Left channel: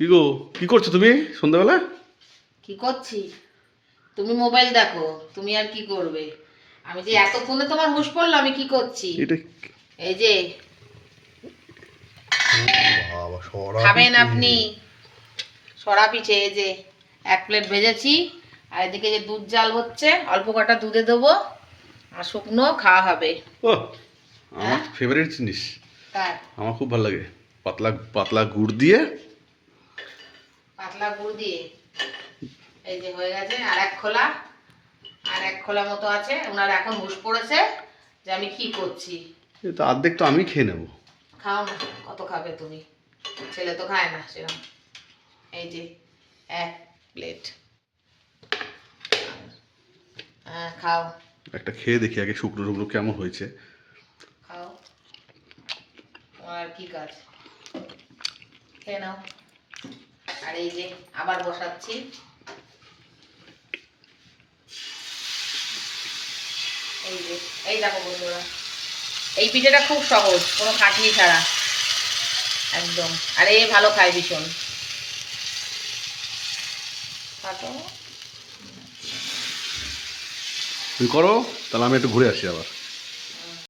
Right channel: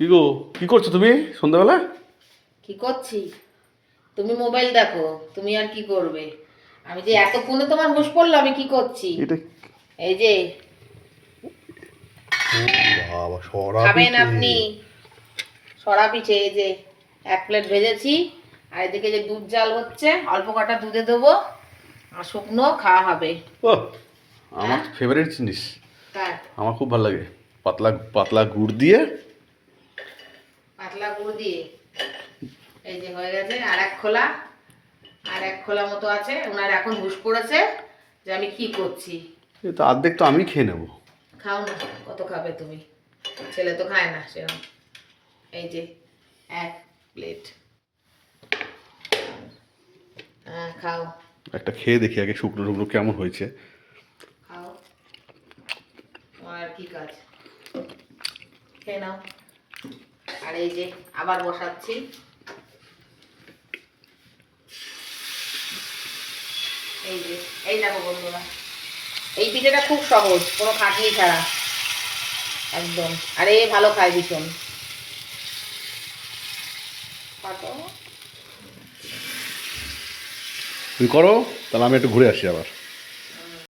কি গো, কি করছো তুমি সন্ধ্যাবেলা? কি করছি? তুমি মোবাইল দেখো, তুমি আর কি করবে? আমি যে এতক্ষণে তোমার হুঁশ পড়লো আমি কি করছি। এটা এই যে বাবা, সরা খাবেন পিঠে। আপনি সরা পিঠে। এই যে এক প্লেট ভেজেছি, আর এদিকে যে দুধ জাল হচ্ছে, অল্প কটা দুধে দেবো, আর শুকনো খাওয়া হবে। ও, আমার হ্যাঁ ফেভারিট জিনিস। হ্যাঁ, আমার খুব ভালো লাগে। পাতলা পাতলা গুড় দিয়ে। পাতলা গুড় দিয়ে। এই যে হয়ে গেছে, আর এক খোলা মতো আছে। ওনার এখন হুঁশ পড়েছে যে আমি কি করছি। এ তো অর্ধেক তো আমি খেয়ে নেবো। খাও না, কত খাবে তুমি? ছেলে তো খায় না সেরকম। এই যে এক প্লেট। হ্যাঁ খাও একটা খেয়ে দেখি আগে, শুকনো শুকনো কেমন হয়েছে। খাও, আর কি কাজ, খেয়ে নাও। আর এই যে আবার বসাচ্ছি। এই যে, এই দেখো বন্ধুরা, এই পিঠেটা খুব সহজ, কোনো খাটনি ছাড়া একদম। আর এ ভালো খায় ভীষণ। তুমি করো, তাহলে আমি একটু ঘুরে আসি আবার।